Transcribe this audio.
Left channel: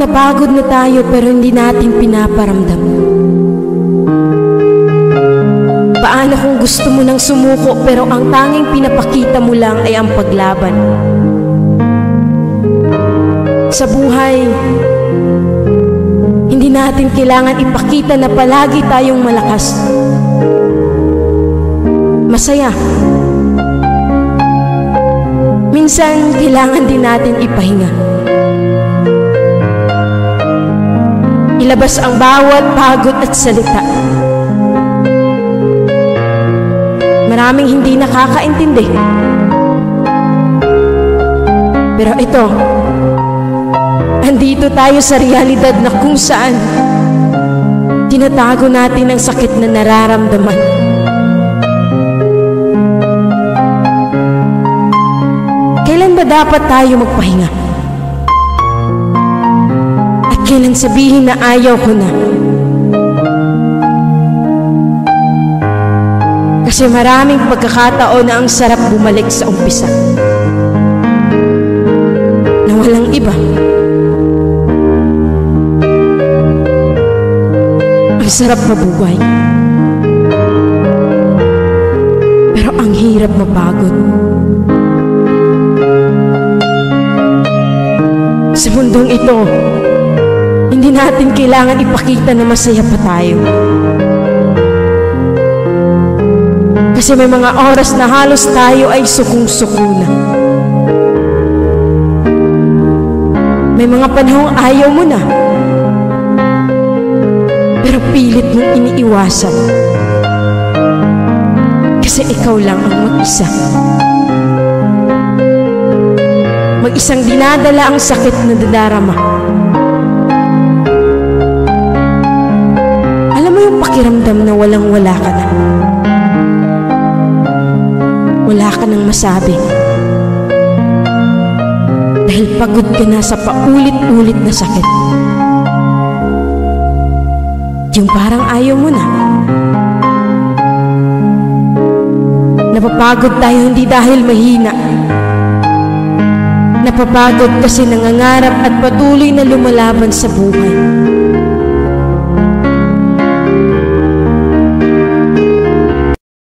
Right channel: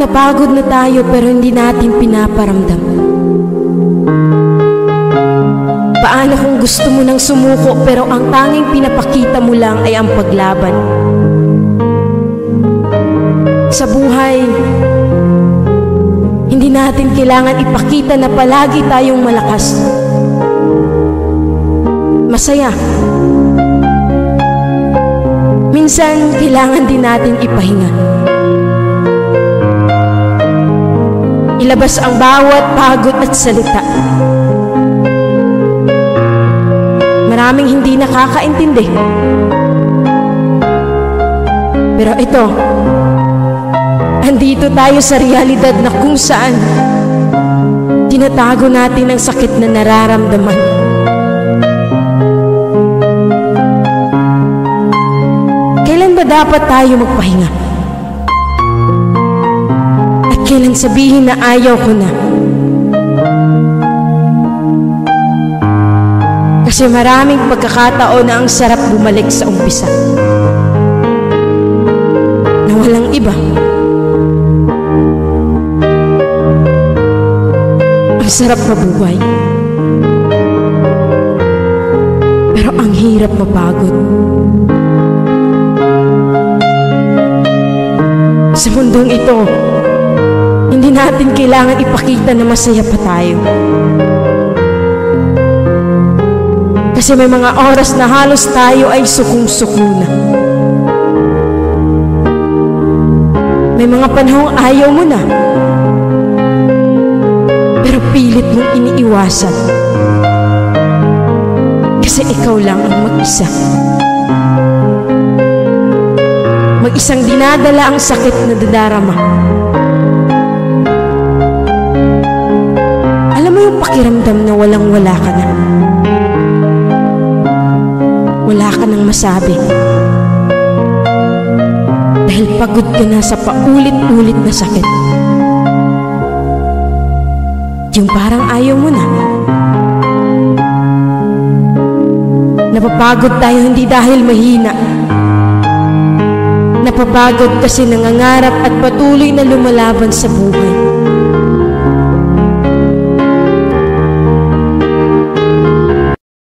napagod na tayo pero hindi natin pinaparamdam? Paano kung gusto mo nang sumuko pero ang tanging pinapakita mo lang ay ang paglaban? Sa buhay, hindi natin kailangan ipakita na palagi tayong malakas, masaya. Minsan, kailangan din natin ipahinga. Ilabas ang bawat pagod at salita. Maraming hindi nakakaintindi. Pero ito, andito tayo sa realidad na kung saan tinatago natin ang sakit na nararamdaman. Kailan ba dapat tayo magpahinga? At kailan sabihin na ayaw ko na? Kasi maraming pagkakataon na ang sarap bumalik sa umpisa, na walang iba. Ang sarap mabuhay, pero ang hirap mapagod. Sa mundong ito, hindi natin kailangan ipakita na masaya pa tayo. Kasi may mga oras na halos tayo ay sukong-suko na. May mga panahong ayaw mo na, pero pilit mong iniiwasan. Kasi ikaw lang ang mag-isa. Mag-isang dinadala ang sakit na dadarama. Alam mo yung pakiramdam na walang-wala ka na. Wala ka nang masabi. Dahil pagod ka na sa paulit-ulit na sakit. Yung parang ayaw mo na. Napapagod tayo hindi dahil mahina. Napapagod kasi nangangarap at patuloy na lumalaban sa buhay.